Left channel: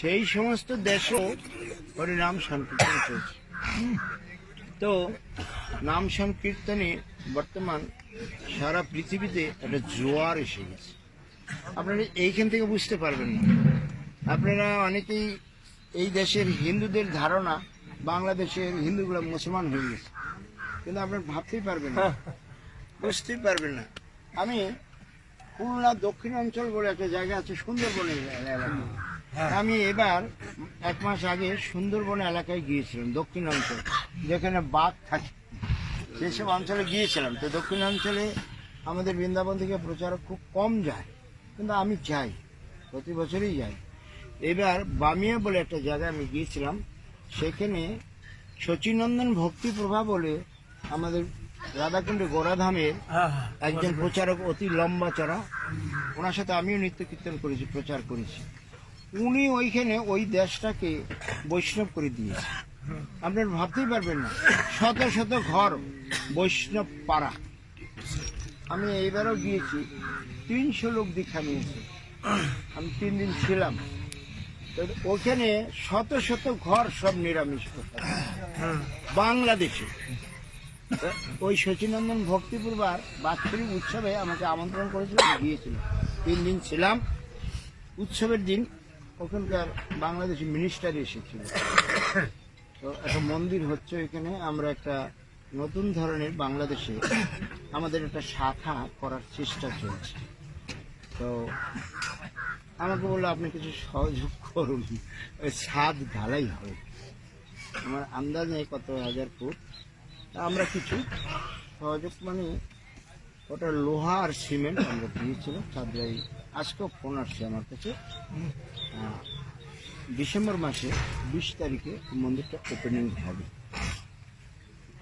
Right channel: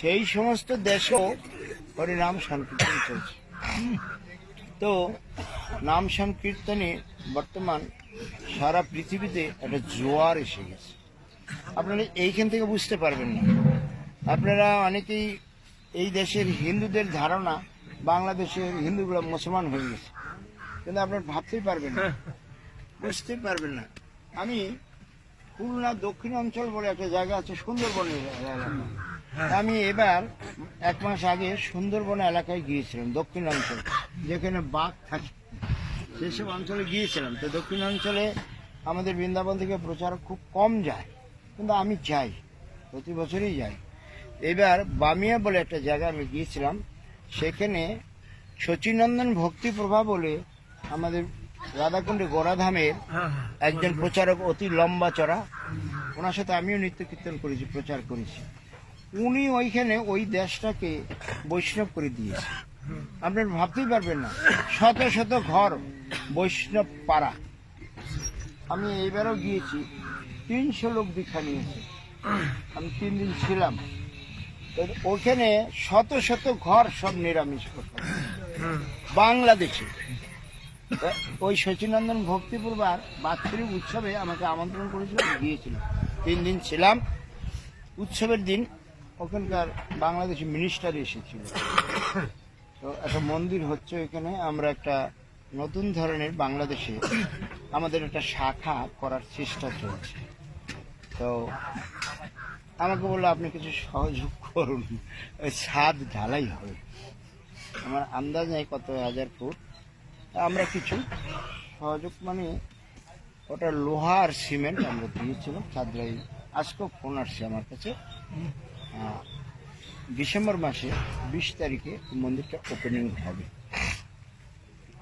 সেই সমস্ত দেশেও হরিনাম সংকীর্তন চলছে। তো নাম সংকীর্তনে বর্তমান সারা পৃথিবীতে একটা জোয়ার এসে গেছে। আপনারা এইখান থেকে বুঝতে পারবেন না। আপনারা অনেকেই এই দেশের হিন্দুদের ধারণা বাংলাদেশের হিন্দুগুলো মুসলমান হয়ে গেছে, কিন্তু আপনারা ভাবতেই পারবেন না, বুঝতেই পারবেন না। আমি খুলনা দক্ষিণ অঞ্চল বলে একটা জায়গা আছে, সুন্দরবনের এলাকা। আমি এবার 1 মাস আগে সুন্দরবন এলাকায় গিয়েছিলাম, দক্ষিণ অঞ্চল যেখানে বাঘ থাকে সেসব অঞ্চলে গিয়েছিলাম। তো দক্ষিণ অঞ্চলে আমাদের বৃন্দাবন থেকে প্রচারক খুব কম যায়, কিন্তু আমি যাই, প্রতি বছরই যাই। এবার বামিয়া বলে একটা জায়গায় আমি গিয়েছিলাম, সেখানে শচীনন্দন ভক্তি প্রভা বলে আমাদের রাধাকুণ্ডে গোরাধামের একজন প্রচারক, অতি লম্বা চড়া, ওনার সাথে আমিও নৃত্য কীর্তন করেছি, প্রচার করেছি। উনি ওইখানে ওই দেশটাকে বৈষ্ণব করে দিয়েছে। আপনারা ভাবতেই পারবেন না, শত শত ঘর বৈষ্ণব পাড়া। আমি এইবারও গিয়েছি, 300 লোক দীক্ষা নিয়েছে। আমি 3 দিন ছিলাম। ওখানে শত শত ঘর সব নিরামিষ বাংলাদেশে। ওই শচীনন্দন ভক্তিপূর্বার বাৎসরিক উৎসবে আমাকে আমন্ত্রণ করেছিল, আমি গিয়েছিলাম, 3 দিন ছিলাম। উৎসবের দিন ওখানকার বাংলাদেশি মিনিস্টার এসেছিল। তো একটা মন্দির হচ্ছে এখানে, আমরা একটা নতুন ধরনের বাংলাদেশে আমাদের একটা শাখা করার চেষ্টা চলছে। তো আমাকে বললো আপনি কিছু সহযোগ করুন, ওই ছাদ ঢালাই হবে, আমার আন্দাজ নেই কত হাজার ফুট। আমরা কিছু সহযোগ মানে ওটা লোহা আর সিমেন্ট আমরা দিয়েছিলাম। ছাদরাই আজকেও ফোন আসছে আমার কাছে, ডিসেম্বর মাসে 20 তারিখে মন্দিরটা ওপেনিং হবে।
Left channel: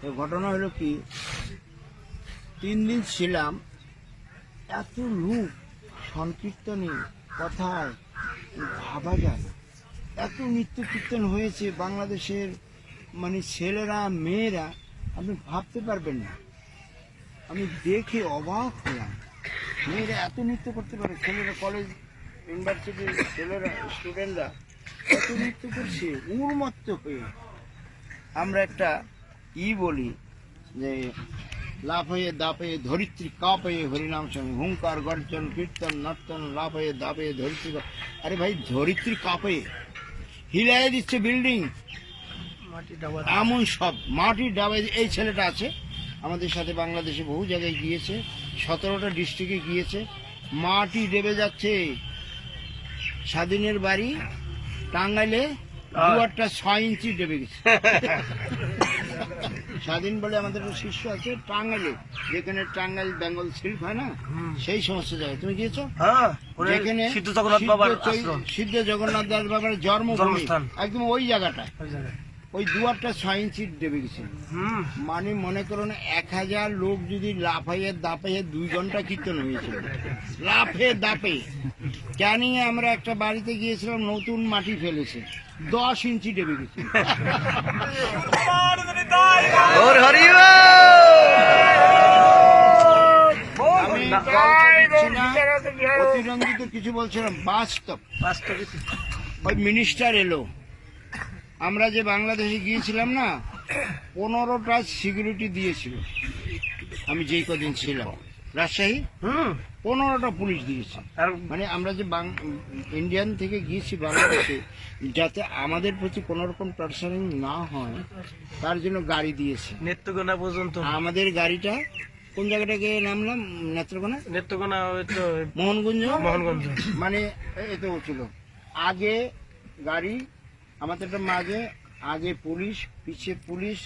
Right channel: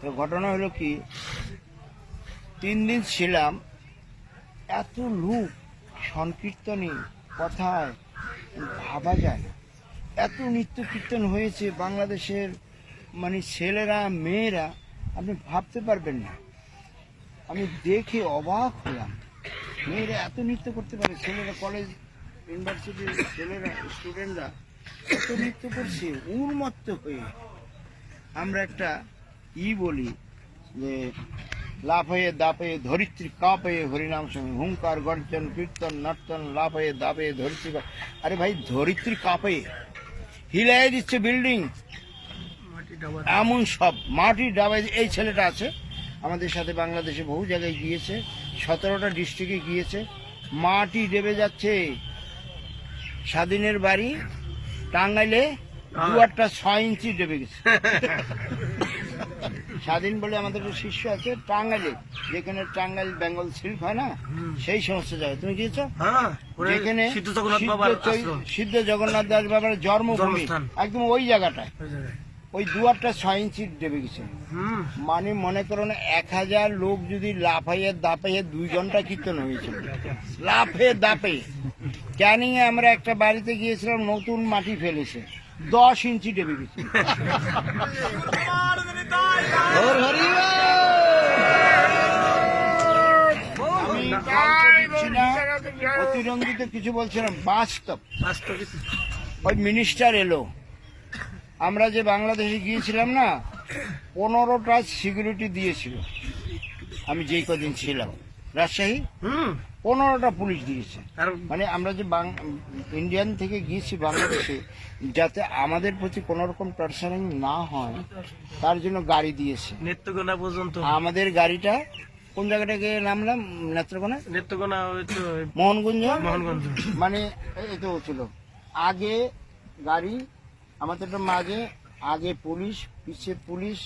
তো ঘটনা হলো কি, 3 দিন ছিলাম, এত লোক সংকীর্তনে কথায় ভাবা যায় না, এত নৃত্য কীর্তন হয়েছে বাংলাদেশের, মানে ছেলেরা মেয়েরা, আপনি ভাবতে পারবেন না। আমি দেখে অবাক হলাম, মেয়েরা এত নৃত্য করতে পারে, ছেলেরা কলেজ ইউনিভার্সিটির ছেলেরা স্টুডেন্টরা এত নৃত্য করছে উন্মত্ত হয়ে। আমরা একটা বলি যে লাফয়ে দাপয়ে ধরিত্রী কাঁপয়ে হরিনাম সঙ্গে হুঙ্কার গর্জন কীর্তন নর্তন লাফয়ে দাপয়ে ধরিত্রী। আরে ভাই, ধরিত্রী কাঁপয়ে হিলাই দিচ্ছে বিল্ডিং, এমন সব মাটি ডাবায়। এই ছেলেটা আছে আমাদের সাথে, বাংলাদেশে বহু জায়গায় গিয়েছে, 17টা ডিস্ট্রিক্টে গিয়েছে, মাটি দেবে যাচ্ছে। স্বাধীনের বাড়ি টাঙ্গাইলে দুয়ারটা 6 ইঞ্চি দেবে গেছে। স্বাধীন বলে আমাদের শিষ্য আছে টাঙ্গাইলে, যেখানে টাঙ্গাইল বেঙ্গল সিল্ক হয় না, সেই সমস্ত জায়গায় তুমি গিয়েছো? যেখানে সিদ্ধ জগন্নাথ দাস বাবার জন্মভূমি, একদম ওই জায়গাটা, ওই দুয়ারটা 6 ইঞ্চি দেবে গেছে। মানে মনে করুন 1000 লোক যদি লাফাইয়ে দাপাইয়ে 2 ঘন্টা কীর্তন হয়েছিল, লাফে দাপে। ক্যানিং এ আমরা একটা বাড়িতে গিয়েছিলাম, নতুন মাটি ফেলেছে, 10 ইঞ্চি দেবে গেছে। আমি অতিরঞ্জিত কিছু বলছিলাম, বাস্তব ওই মিনিস্টার এলো, আমরা যে বাংলাদেশে গিয়েছিলাম না, 15টা সিকিউরিটি দিয়েছিল। আমি যেই কদিন ছিলাম রাজশাহী, 15টা পুলিশ দিয়েছে। মানে আমরা যে ইন্ডিয়ান থেকে গিয়েছি বাংলাদেশে, যাতে আমাদের প্রতি কোনো রকম টর্চারিং না হয় তার জন্য গাড়ি দিয়েছে। নেত্রকোনা পর্যন্ত আমাদের গাড়িটা কোন জায়গাটাকে নামলাম, নেত্রকোনা মোহনগঞ্জ, মানে এত ছিল আগে গাড়ি আমাদেরটা, মাঝে আগে পুলিশ, পিছে পুলিশ,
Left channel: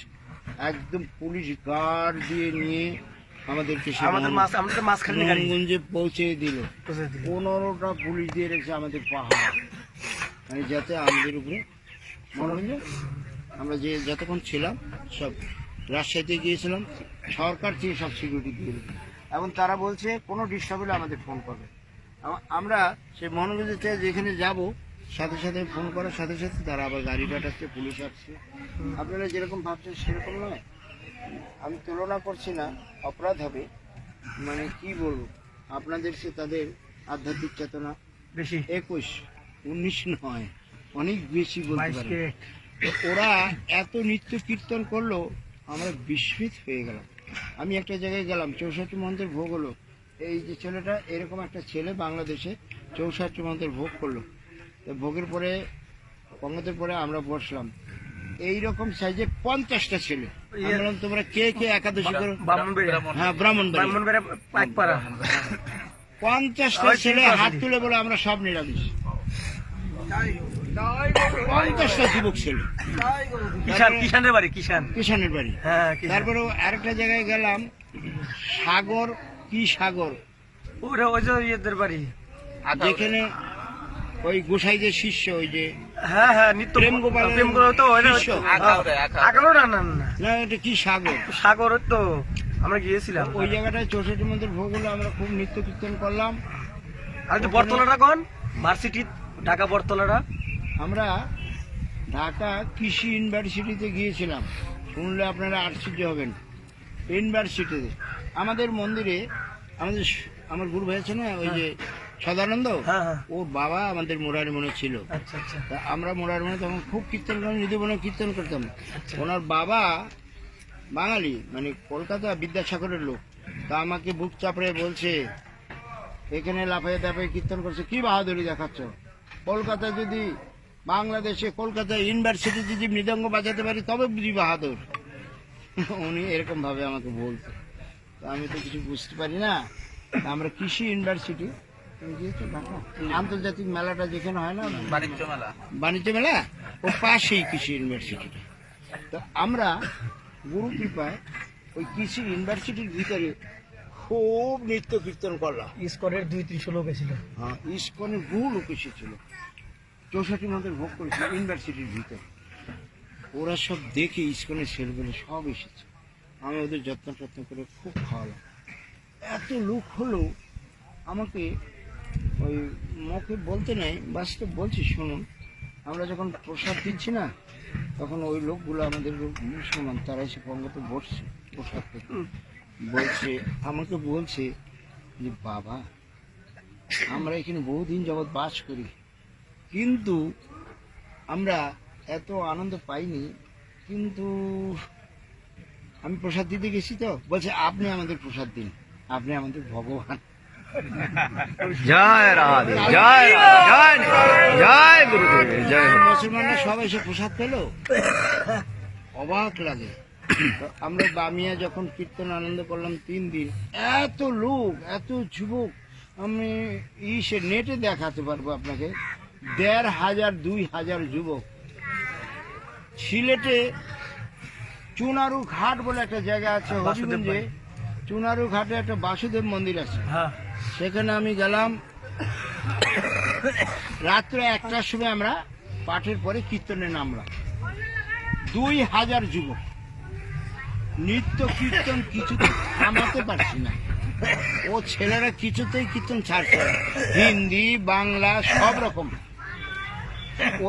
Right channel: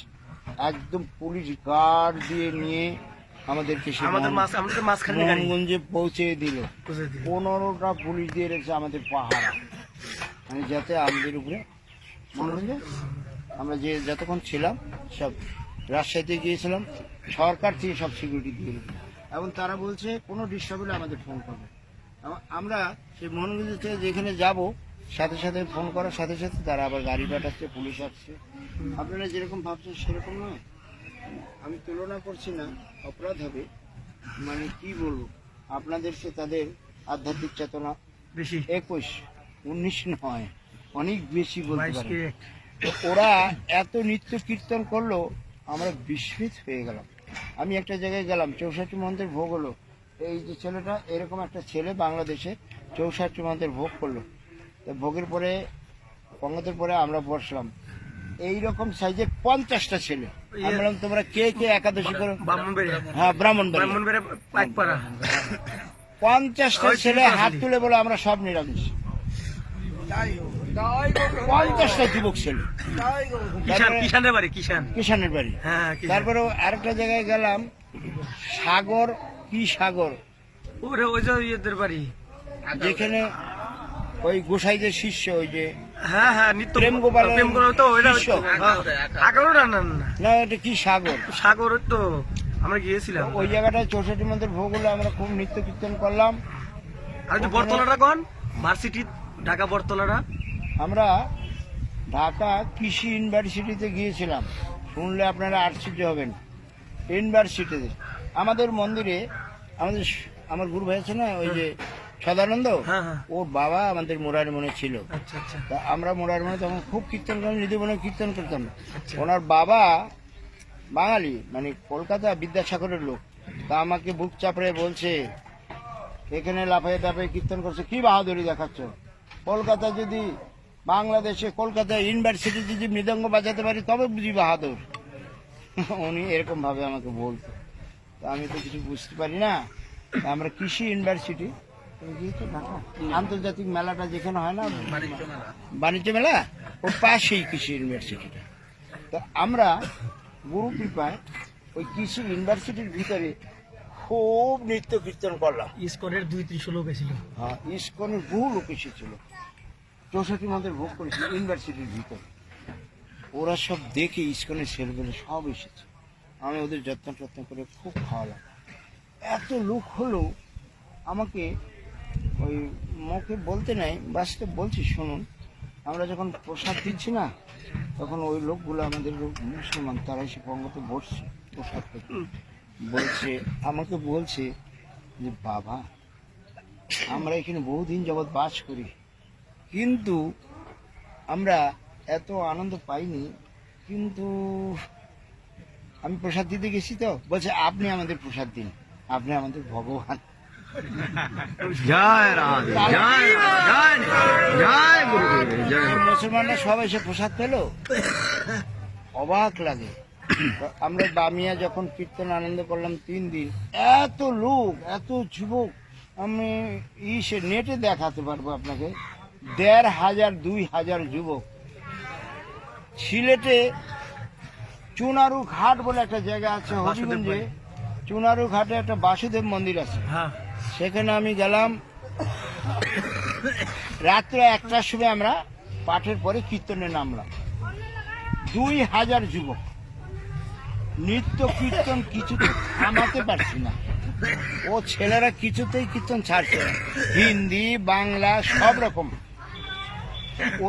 একদম পুলিশ গার্ড দিয়ে নিয়ে আমাদেরকে মোহনগঞ্জে পৌঁছে দিল। 15টা পুলিশ দিয়ে রেখেছে আমাদের পাহাড়, মানে যাতে আমাদের উপরে মনোরঞ্জন। আমরা যে যতক্ষণ ছিলাম, সব রাজশাহীতে গিয়েছিলাম, সরকার থেকে সব সিকিউরিটি দিয়ে রেখেছে। এবং তারা বলছে কোনো ডিস্টার্ব হলে আমাদের ফোন করবে। আমরা সেই মোহনগঞ্জ থেকে যেখানে যাব, সাথে সাথে ফোন করার সাথে সাথে তারা আবার গাড়ি পাঠাচ্ছে, পুলিশ আসছে। আপনারা যেরকম ভাবছেন সেরকম নয়, আমি তুলনা করছি না, অপরাধ হবে। মানে কি বলবো, আপনাদের সে তাদের আধ্যাত্মিক চেতনা বেশি, 21-19 নয়, অনেক বেশি বলতে পারে। তো ওরা এত নৃত্য কীর্তন করলো, আমরা বিস্মিত হয়ে গেলাম। আমি একটা জায়গায় গেলাম, 64 মন্ত্রের ভোগ হলো। এই যে ছেলেটা, এরকম একটা ছেলে বাংলাদেশে 64 মন্ত্রের ভোগ করলো। তো ভোগের পরে, পঙ্গতের পরে আমরা বসলাম, এইরকম সাইজের 50টা ছেলে। আমি বললাম, তোমরা কে কে একাদশী করো? হ্যাঁ, ব্রাহ্মণবাড়িয়া। 50টা ছেলে হাত তুলে বলে আমরা সব নিরামিষ। 50টা যুবক ছেলে, কিষানের বাড়ি, কিষানের বাড়ি। হ্যাঁ, তারপরে আরেকটা জায়গায় গেলাম, সাগর, কি সাগর, ওই যে ইয়েদের বাড়ি, যেখানে ওই গোসাইদের শিষ্য, ওই যে হ্যাঁ নিত্য প্রেম গোপাল তো ওইটা শিষ্য। আগারো না না না না, এটা কি সাগর, সাগর তো আমরা গিয়েছিলাম ওই জায়গাটায় 64 মন্ত্রের ভোগ হলো। আমরা খুব নৃত্য কীর্তন করলাম। আর যে বটতলাটা কোন ভার্সিটি, ঢাকা বটতলাটা? আমরা ঢাকা কৃষি ইউনিভার্সিটিতে গিয়েছিলাম। শুনলে আপনারা আশ্চর্য হবেন। ইউনিভার্সিটিতে আমাদের মন্দিরে, আমার গুরু ভাই আছে না, ওই যে সদানন্দ, হ্যাঁ। ওর বাবা আমাদের মোরারি মনে ছিল। আচ্ছা। তা আমরা মোরারি মনে তখন খুব কীর্তন করতাম, নিধিবনে কীর্তন করতাম। আচ্ছা। ওনার বাবা বাঙালি, মানে কলকাতা বিদ্যাসাগরের লোক। তা আমাকে বুক চাপড়ে বলছে, এখানে লাফাইয়ে টাফাইয়ে কীর্তন করছে, কি বাহাদুরি দেখাচ্ছ? কলকাতা যদি, বাংলাদেশে কলকাতা ইউনিভার্সিটি যদি মৃদঙ্গ বাজাতে পারি তবে বুঝি বাহাদুর। উনি এরকম ভাবে আমাকে বলতো। তো আমি তো কিছু বুঝতে পারি না। তা আমরা কৃষি ইউনিভার্সিটি, তুমি গিয়েছো ঢাকা আন্তর্জাতিক মেলাটা যেখানে হয় না, বাণিজ্য মেলা, ও পাশেই কৃষি ইউনিভার্সিটি। তো আমরা গুরু কৃপায় ওই কৃষি ইউনিভার্সিটির ভিতরে খুব নৃত্য কীর্তন করলাম। ইসকনের 2-300 লোক এসেছিল। হ্যাঁ, ইসকনের বহু লোক এসেছিল। 64 মন্ত্রের ভোগ করেছিল ইউনিভার্সিটির ভিতরে। ওরা সব দেখে, ইসকনের ছেলেগুলো সব এসেছে। আমি ওদের যত্ন করে খুব খাওয়ালাম। এত লোক হলো, আমাকে ওই মুখে বলতে নেই, বাস্তব বলছি শুনুন। আমরা যখন প্রসাদ দিচ্ছি না, তখন ওই লোকগুলো, আমাদের যে মুসলমান, তারা এসে পঙ্গতে বসছে প্রসাদ থেকে, বলছে, আমাকে বলছে যে, বাবা আমরা এখানে বহুদিন যাবৎ বাস করি, কিন্তু আমরা এত আনন্দ পাইনি। কিন্তু আমি প্রসাদ দিতে গেছি, তো বলছে, আপনি আমাদের প্রসাদ দিন, আপনি আমাদের ভগবান। জয় রাধে, জয় রাধে, জয় গুরুদেব, জয় গুরু। মুসলমানরা সব এসে প্রসাদ পেল, অবাক লাগে। তো আমরা বামিয়া যখন কীর্তন আনন্দ করলাম 3 দিন, এত লোক, এত যুবক, আমি নেটে দেখাতে পারবো আপনাকে, 1500 2000 যুবক। সিলেটে চুনারু ঘাট বলে একটা জায়গা আছে, হবিগঞ্জে চুনারু ঘাটে একটা বাসুদেব মন্দির আছে। সেখানে আমি গেলাম রাত্রে 1টার সময়। আমরা পাঠের পরে কীর্তনে নামলাম, 2000 যুবক, নৃত্য কীর্তন কিছুতে থামাতে পারছি না। ও ছেলেরা কিছুতেই কীর্তন ছাড়ছে না, হিন্দি বাংলা সব রকম।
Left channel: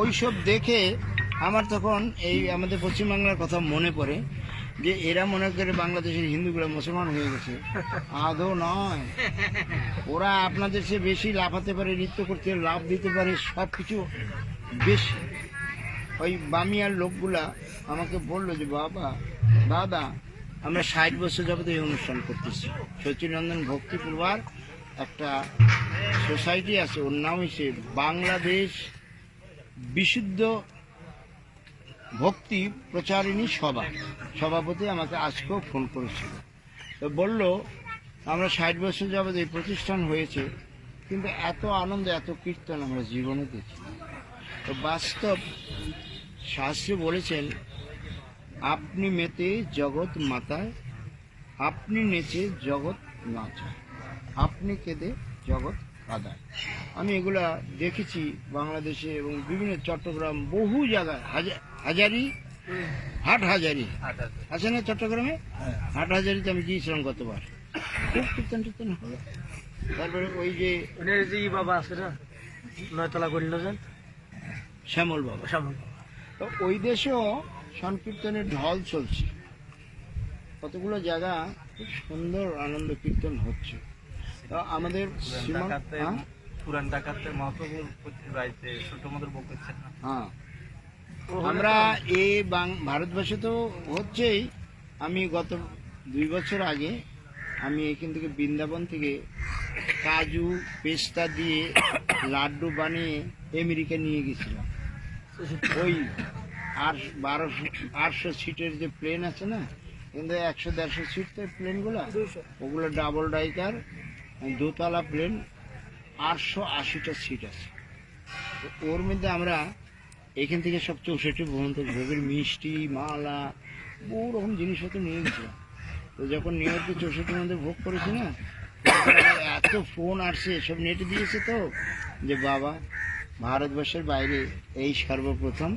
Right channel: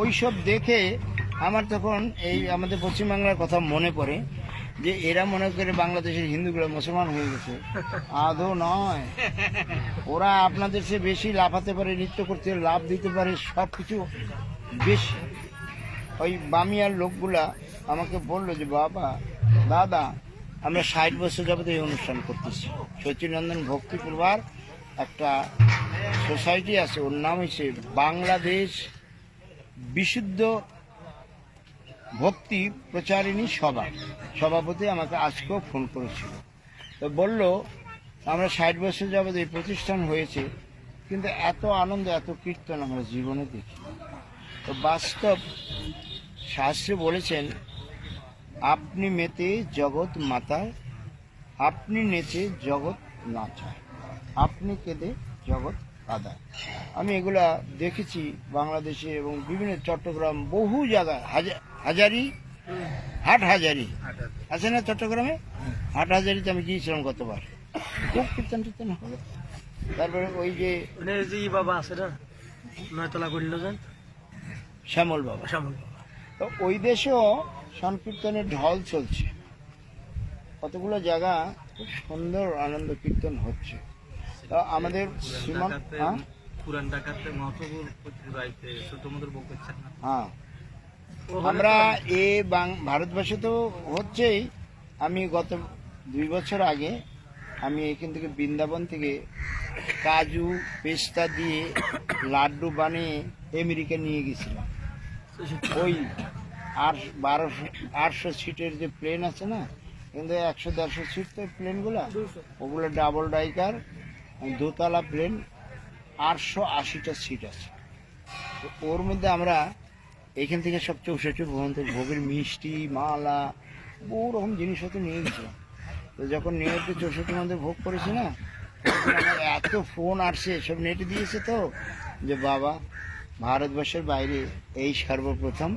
ওইসব দেখে আমার তখন এই আমাদের পশ্চিমবাংলার কথা মনে পড়ে, যে এরা মনে করে বাংলাদেশের হিন্দুগুলো মুসলমান হয়ে গেছে। আদৌ নয়, ওরা আপনাদের চেয়ে বেশি লাফাতে পারে, নৃত্য করতে, লাভ দিতে পারে, সব কিছু বেশি। ওই বামিয়ার লোকগুলা আমাকে বললো যে, বাবা দাদা, আমরা 60 বছর যাবত এই অনুষ্ঠান করতেছি। সচিনন্দন ভক্তি পরিবার একটা সোসাইটি আছে, ওর নাম হচ্ছে বাংলাদেশ বিশুদ্ধ ভক্তি প্রচারিণী সভা। সভাপতি আমাকে আজকেও ফোন করেছিল, তো বলল, আমরা 60 বছর যাবত এই প্রতিষ্ঠান হয়েছে, কিন্তু এত আনন্দ, এত কীর্তন আমরা জীবনে দেখি। তো বাস্তব শাস্ত্রে বলেছেন, আপনি মেতে জগৎ মাতায়, আপনি নেচে জগৎ নাচায়, আপনি কেঁদে জগৎ কাঁদায়। আমি এগুলা দেখেছি বাংলাদেশে এবং বিভিন্ন চট্টগ্রাম, বহু জায়গায়, হাজারি আছে না চট্টগ্রামে, হাটহাজারিতে আমি গিয়েছিলাম গতবার, খুব কীর্তন টীর্তন হলো। তারপরে ওই যে বাবা আছে না, 9 তলা করিল যান, শ্যামল বাবা, তো ওই দেশেও সংকীর্তনের ঢল চলছে। কতগুলো জায়গা খুব সুন্দর আনন্দ কীর্তন হচ্ছে। তো আমাদের পুরান ঢাকাতে মহাপ্রভুর বাড়িতে ছোট মধুর ভোগ করছেন না? হ্যাঁ, আমরা ভারতবর্ষে তো হচ্ছেই। আমি গত 2 বছর আগে আমি এখান থেকে বৃন্দাবন থেকে কাজু পেস্তা দিয়ে লাড্ডু বানিয়ে আমেরিকা নিয়ে গেছিলাম। ওই 800 সিটের যে প্লেন আছে না, কিন্তু 100-150 সিট তো প্লেনগুলো, ওগুলো ডাবল ডাইকার দোতলা প্লেন, 880টা সিট আছে। তো ওর মধ্যে আমরা এখান থেকে সব 64 ভোগের মিষ্টি মালা বহু রকম জিনিসপত্র নিয়ে গেছিলাম। তো যখন নিউ ইয়র্কে 64 ভোগ করেছি না, তখন আমার এত ফোন আসছে, সব নেটে দিয়েছে তো, যে বাবা ভারতবর্ষের বাইরে এই সর্বপ্রথম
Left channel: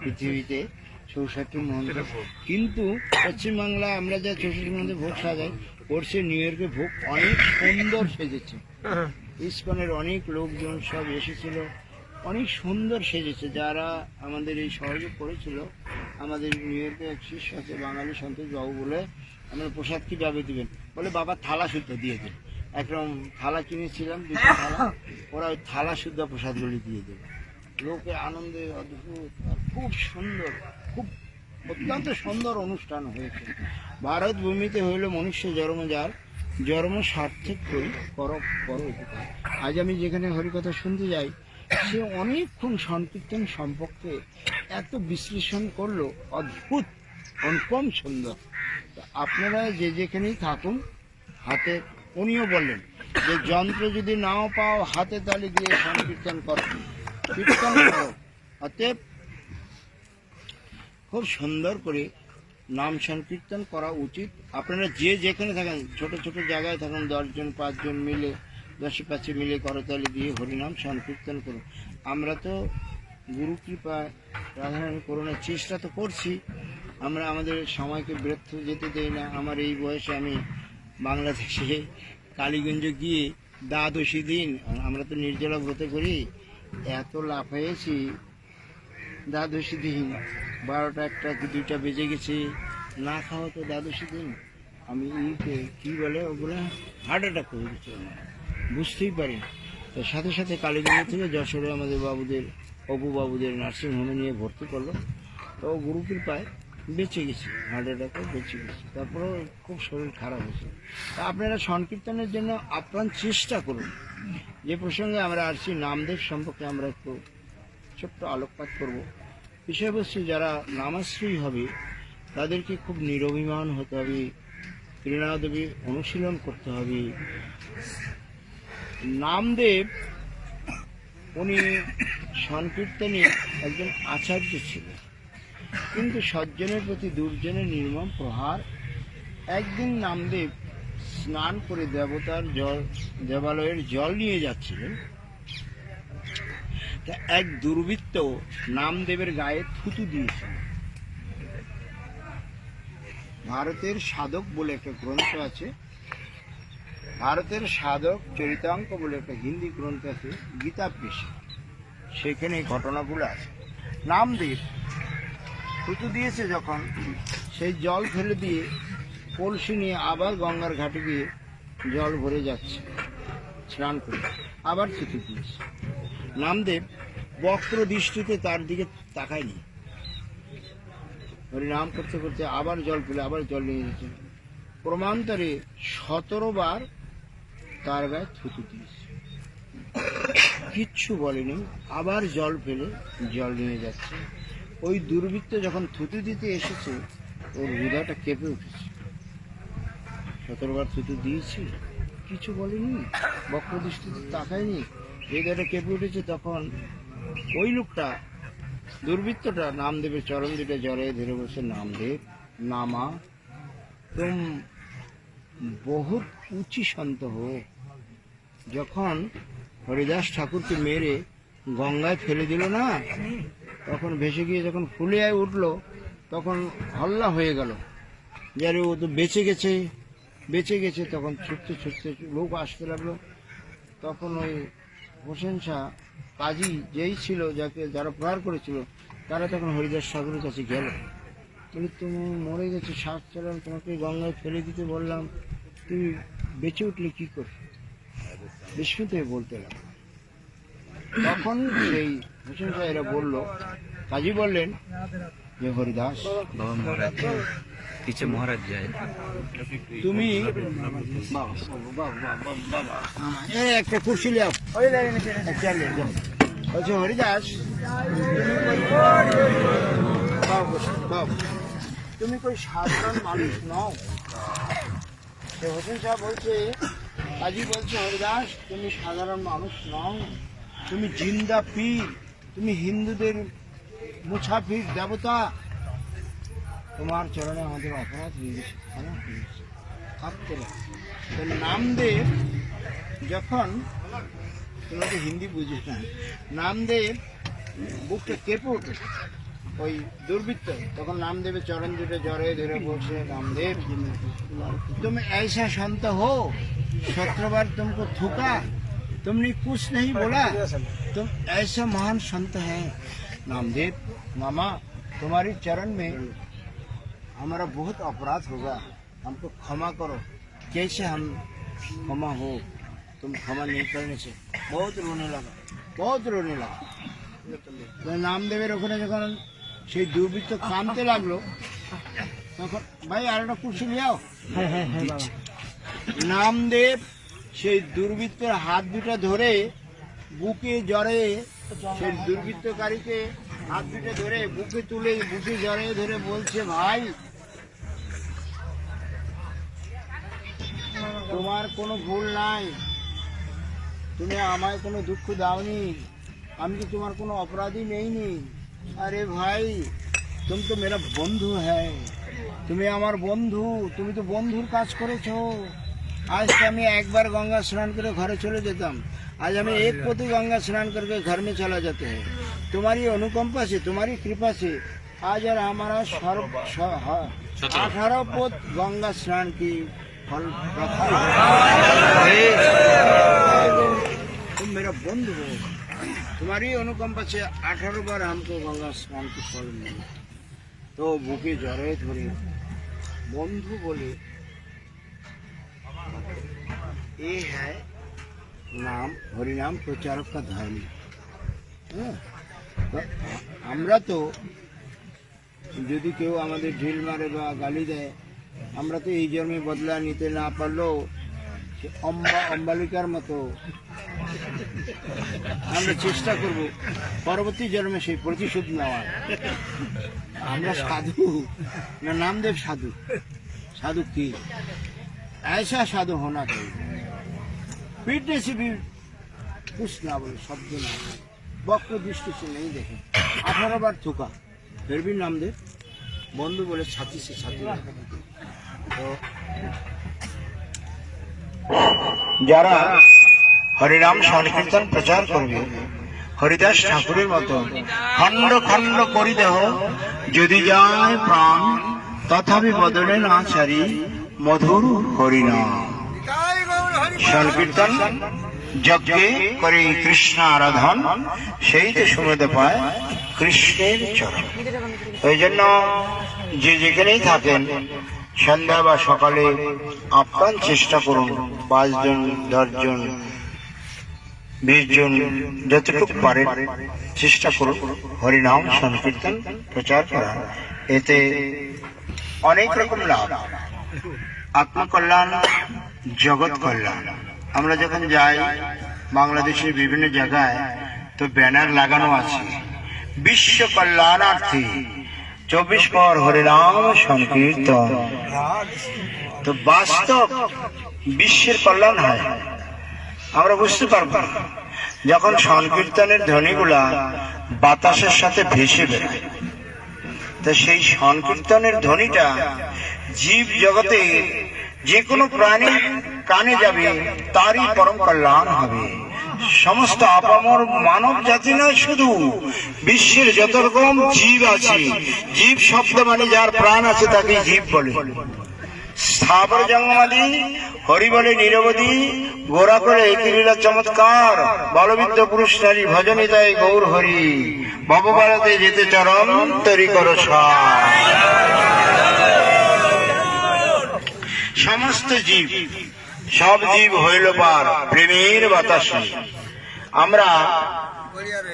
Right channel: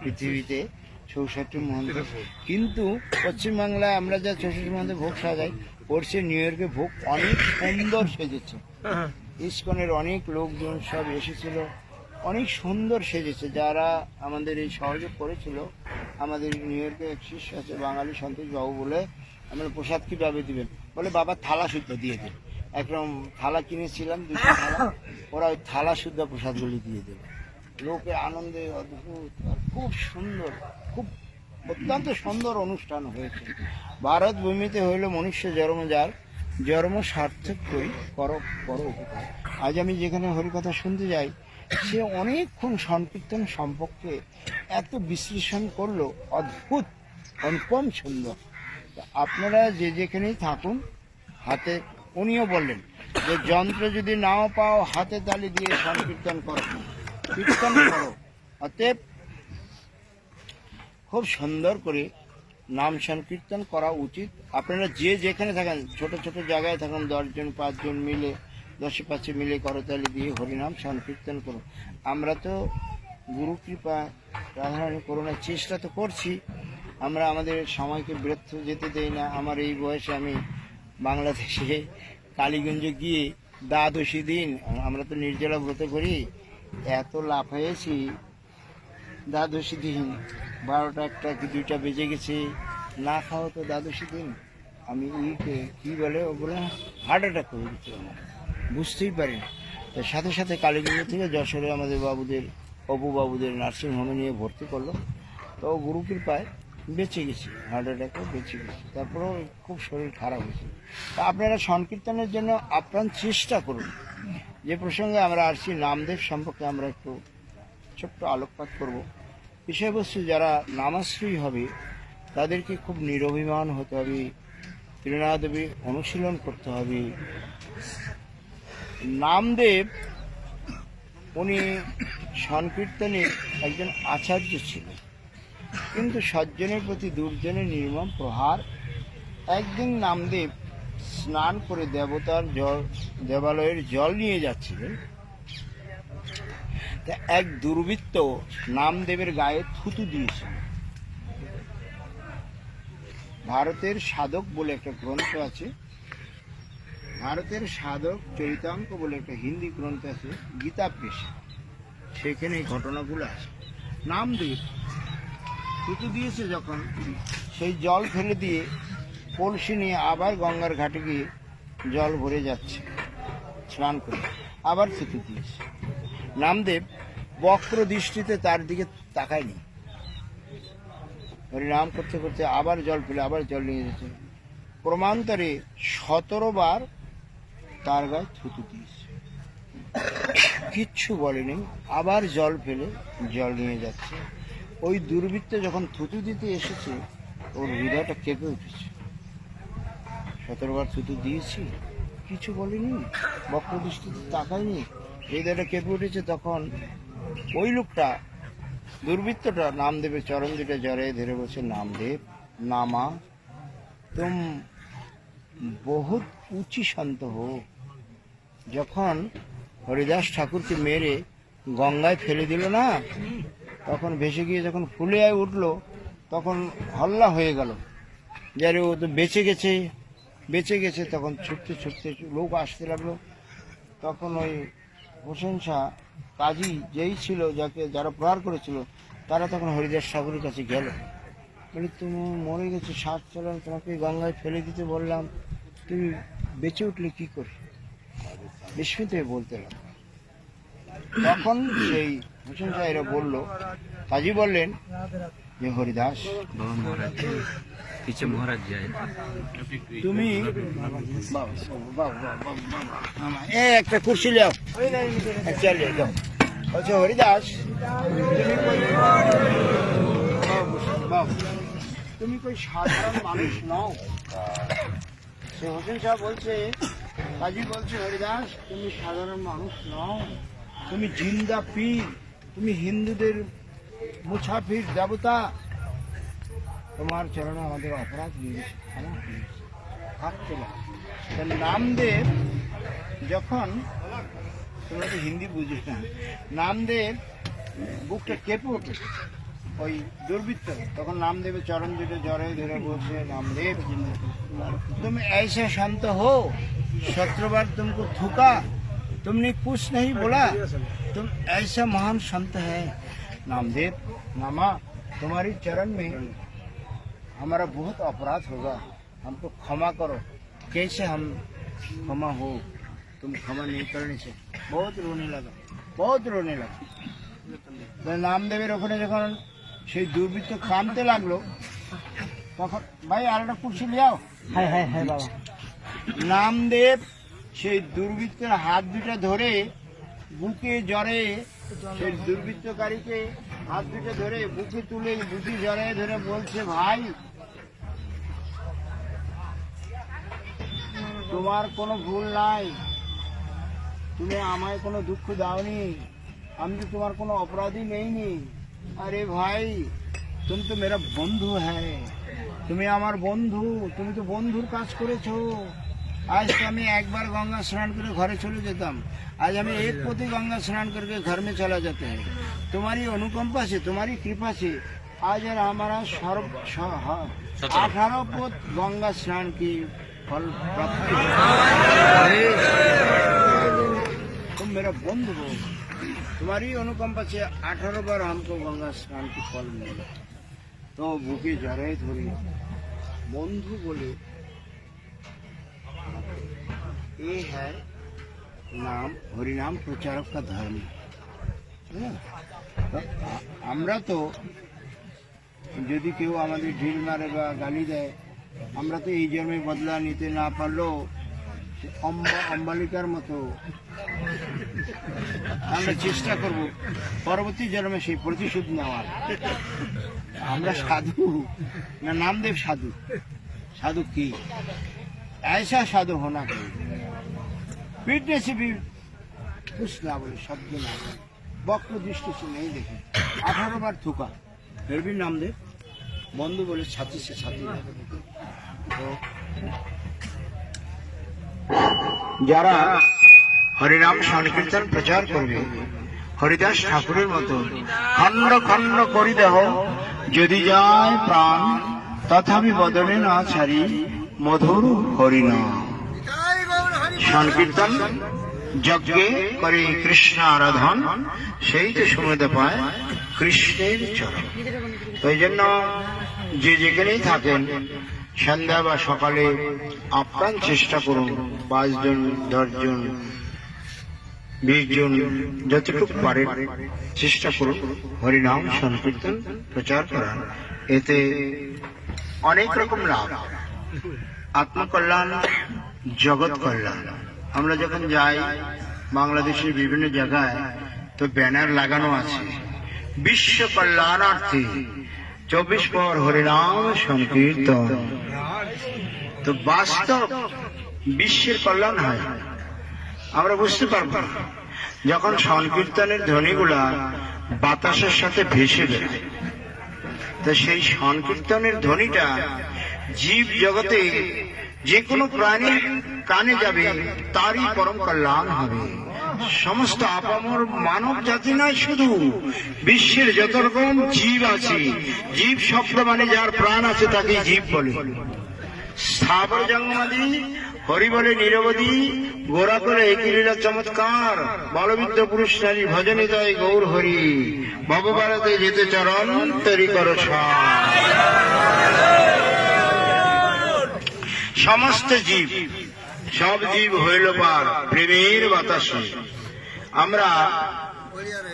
পৃথিবীতে 64 মন্দির। কিন্তু পশ্চিমবাংলায় আমরা যা 64 মন্দির ভোগ সাজাই, ওর সে নিউ ইয়র্কে ভোগ অনেক সুন্দর সেজেছে। ইস্কনের অনেক লোকজন সব এসেছিল, অনেক সুন্দর সেজেছে। যারা আমাদের এই সহযোগ করেছিল, আমাদের নিউ ইয়র্কে এক শিষ্য আছে বাঙালি সন্তোষ বাবু বলে, আমরা প্রসাদ কীভাবে দেবেন বলে, বাবা থালা শুদ্ধ দিয়ে দেবে। একদম থালা কিনেছিলাম 2টা থালা, ওরা ওই থালা শুদ্ধ প্রসাদগুলি দিয়ে দেবে। লোকে আনন্দে অদ্ভুত, আর খুব সুন্দর, খুব অত্যন্ত সুন্দর অনুষ্ঠান হয়েছে। ভারত ভূমিতে হইল মনুষ্য জন্ম যার, জন্ম সার্থক করি করো উপকার। আজ আমি যেখানে হরিকথা শুনতে যাই, সে অনেকক্ষণ সংকীর্তন সম্পর্কে এত বিশ্লেষণ করলো, অদ্ভুত, অনুপম সুন্দর। তো আপনারা যে যেখানেই থাকুন, হাতে, উনিও বললেন যে যন্ত্র যদি নাও পাও, হাতে তালি দিয়ে সংকীর্তন করো, কীর্তন করো। অতএব খুব সুন্দর করে নাম সংকীর্তন করা উচিত। আপনারা যে যেখানে থাকেন, ছোট ছোট জায়গায় থাকুন, 10 জন 5 জন মিলে, 10-5 মিলে করতালি দিয়ে হরিনাম সংকীর্তন করুন। আমরা তো গুরু কৃপা রাধারানী করুণার চেষ্টা তো করছি, আমরা আমাদের সময়কে ব্যর্থ যেতে দেই না। আমার এই বয়সে আমি বাংলাদেশে কালীগঞ্জে গিয়ে দ্বাদশী দিন, আমরা তো নির্জলা ব্রত করি, এত লাফাইয়েছি দ্বাদশী দিন, 12টা 1টা কি 2টা বেজে গেছে, না খাওয়া তো দ্বাদশী দিন। আমি কি বলে ওগুলো, হার্ট অ্যাটাক হয়ে গেছে, বুঝতেই পারি। তো সাথে সাথে কালীগঞ্জ থেকে যশোরে আমাদের বাবুদের, অপু বাবুদের নার্সিংহোমে নিয়ে ভর্তি করলো। তো গুরু কৃপায় বেঁচে গেছি, হার্ট অ্যাটাকে বেঁচে গেছি। তারপরেও খুব শরীর খারাপ হয়েছে। তা আপনারা সংকীর্তনের জন্য আপ্রাণ চেষ্টা করুন। যে প্রসঙ্গে আমরা আসছি, নামদেব সম্পর্কে আমরা একটু ছোট্ট আলোকপাত করব। বিষয়বস্তু, যারা নামাশ্রয়ী হবে তাদেরকে খুব নিরভিমান হতে হবে, ত্রিনাদেবী অনুশীলন করতে হবে। নামদেব উনি সংকীর্তনে একজন আচার্য ছিলেন, কিন্তু সজ্জনের প্রতি দুর্জনের নির্মম প্রহার। একদিন নামদেব স্নান করে দেবালয়ের জল নিয়ে যাচ্ছিলেন। তা এক দুর্বৃত্ত নামদেবের গায়ে থুতু দিয়েছিল। ভারতের সাধক বলে একটা গ্রন্থ আছে, ভারতের সাধক চরিতাঙ্ক বলে একটা হিন্দি গ্রন্থ আছে, গীতা পেশে, সেখানে এই ঘটনাগুলো আছে। নামদেব থুতু দিয়েছে যখন, সেই জল ফেলে দিয়ে কলসি নিয়ে আবার গঙ্গার ঘাটে গিয়ে জল ভরে যাচ্ছে, স্নান করে আবার থুতু দিয়েছে। নামদেব বক্র দৃষ্টিতে তার দিকে তাকায়নি, হরিনাম করতে করতে আবার জল ফেলে আবার জল নিয়ে যাচ্ছে। ক্রমান্তরে 17 বার তার গায়ে থুতু দিয়েছে, কিচ্ছু বলেনি, আবার জল ফেলে জল নিয়ে যাচ্ছে। ওই দুর্বৃত্ত যখন থুতু দিতে এসেছে, ওর হৃদয়টা কেঁপে উঠেছে। 17 বার থুতু দিয়েছি, কিছু বলেনি, বক্রদৃষ্টিতে তাকায়নি, হৃদয়টা কেঁপে উঠেছে। তখন ওই লোকটা, দুর্বৃত্তটা, নামদেবের চরণ দুটো জড়িয়ে ধরে বলছে, নামদেব নামা তুম বহুত উঁচি সন্ত হো। যখন হরিদাস ঠাকুরকে মেরে গঙ্গায় ফেলে দিল না, তখন ভেসে গিয়ে যখন ফুলে উঠলো, তখন হল্লা হয়ে গেল, যারে ও তো বেঁচে গেছে বেঁচে গেছে। তখন ছুটতে ছুটতে লোক আসতে লাগলো। তখন ওই হোসেন শাহ কাজী যেই ছিল, যারা প্রহার করেছিল, তারা তখন হরিদাস ঠাকুরের কাছে গেল, বলি তুমি মরে গেছো, শ্বাস চলে, তোমাকে গঙ্গায় ফেলে দিতে বললাম, তুই বেঁচে উঠলে কি করে? বিস্মিত হয়ে বলতে লাগলো। তখন সেই হোসেন শাহ এরা বললো, কাজী বললেন যে হরিদাস बाबा महाराज जी पीछे महाराज जी आए তুমি বাবা বাবা বাবা বাবা আমার এই একটা কুর্সি লিয়াও চলে যাও। বলছে হরিদাস বাবা তুমি কই সাধারণ মানুষ নও। সে হোসেন শাহ বলছে, কাজী বলছে হরিদাস তুমি সাধারণ মানুষ নও, তুমি জিন্দা পীর, তুমি হিন্দুদের মুসাফির দেবতা, তোমার চরণে আমাদের অপরাধ হয়ে গেছে, ক্ষমা করে দিও। ভাবতে পারো। তো নামদেব যখন, তুমি তো হিন্দি বুঝিস না, নামদেব বুকটা কেঁপে ওঠে, ওই দুর্বৃত্ত তখন নামদেবের চরণ দুটো জড়ে ধরে বলছে, নামদেব तुम ऐसा संत हो, शुक्रवार तुमको थूका, तुमने कुछ नहीं बोला, तुम ऐसा महान संत है। नामदेव मामा तुम्हारे चरण में हमारा बहुत अपराध होगा, हमको क्षमा करो। कैसे हम क्षमा हो, तुम क्षमा नहीं करने से। बहुत रोने लगा, बहुत रोने लगा। নামদেবের ওখানে যখন সেই দুর্বৃত্ত কাঁদতে লাগলো, তখন ভাই আর একটা কুর্সি লিয়াও। নামদেব সেই দুর্বৃত্তের হাত দুটা ধরে বুকে জড়ে, সেই দুর্বৃত্তকারীকে হাত দুটো ধরে বুকে তুলে বুকে জড়ে ধরে বলছে, ভাই তোমার কোনো ভুল নাই, তুমি আমায় কোনো দুঃখ দাওনি, আমি তো তোমার কোনো অপরাধী নেইনি। আরে ভাই তুমি তো মেরা বন্ধু হ্যায়, তুমি আমার বন্ধু, তুমি তো বন্ধুর কাজ করেছো। আজ তো আমি একবার गंगा स्नान করে ঘরে চলে যেতাম, आज हमें एक पोती गंगा स्नान करके घर में चला जाते हैं। तुम्हारी अनुकंपा से, तुम्हारी कृपा से आज यार हमारा 18 पोत गंगा स्नान की फल प्राप्त है। तुम मेरा बंधु हो, तुम्हारी अनुकंपा से 18 बार हमको गंगा स्नान की फल मिला। तो बुके जड़े धरे बंधु बोले, ये है नाम, हरिनाम प्रचारक का धर्म। আমরা তো যদি কেউ আমাদের ঢিল মারে বা গালি দেয়, আমরা তো এই জন্মে বদলা নিতে না পারলেও অম্বালিকার মতো আমরা চেষ্টা করব পরবর্তী জন্মে সেই প্রতিশোধ নেওয়া। আমরা সাধু না নামদেব সাধু? साधु की ऐसा साधु होना चाहिए, पीटने से भी कुछ ना बोले, शब्द ना बोले, वक्त दृष्टि से नहीं देखे। 18 बार थूका, फिर भी नामदेव बंधु बोले छाती से छाती। तो যারা হরিনাম সংকীর্তন প্রচার করবে, হরিদাস ঠাকুরের মতো খণ্ড খণ্ড করি দেহ যদি যায় প্রাণ, তথাপি বদলে না ছাড়ি মধুর হরিনাম। সংকীর্তন যজ্ঞে করে কৃষ্ণ আরাধন, সেই তো সুমেধে পায় কৃষ্ণের চরণ। ওই জন্য যে যেখানেই থাকেন সন্ধ্যা বা সকালে আপ্রাণ চেষ্টা করুন, 5 জন 10 জন 20 জন যতটুকু পারেন চেষ্টা করুন হরিনাম সংকীর্তন প্রচার করার। এতে অনেক রকম লাভ, আত্মকল্যাণ, জগৎ কল্যাণ। আমরা যখন যাই বাংলাদেশের বিভিন্ন জায়গায়, তো ব্যানার লাগানো আছে বিশ্ব কল্যাণার্থে 24 পর হরিনাম সংকীর্তন। তো বাস্তব বিশ্বের কল্যাণ হয় আমরা বুঝতে পারবো যখন সংকীর্তনের ধ্বনিগুলা বাতাসের সাথে ভেসে বেড়ায়। তো সেই সংকীর্তনের ধ্বনিটা জীব জগতে যে কোনো প্রাণীর কানে যাবে, তারই পরম কল্যাণ হবে। সমস্ত আপামর মানব জাতি নয়, শুধু বিশ্বের যত রকম জীব আছে, জীব শব্দ মানে যার প্রাণ আছে তাকে জীব বলে। স্থাবর জঙ্গমাদি হরি বলে নিরবধি, গোরা করে একই লীলা চমৎকার, বলবিদ্য পুরুষ নারী ভজনে তাই গৌর হরি, ভববাড়াতে যেতে চরম তরি কর সার। সমস্ত জীব, সব জীব হইল পার প্রেমের বাতাসে। আমরা ওই আর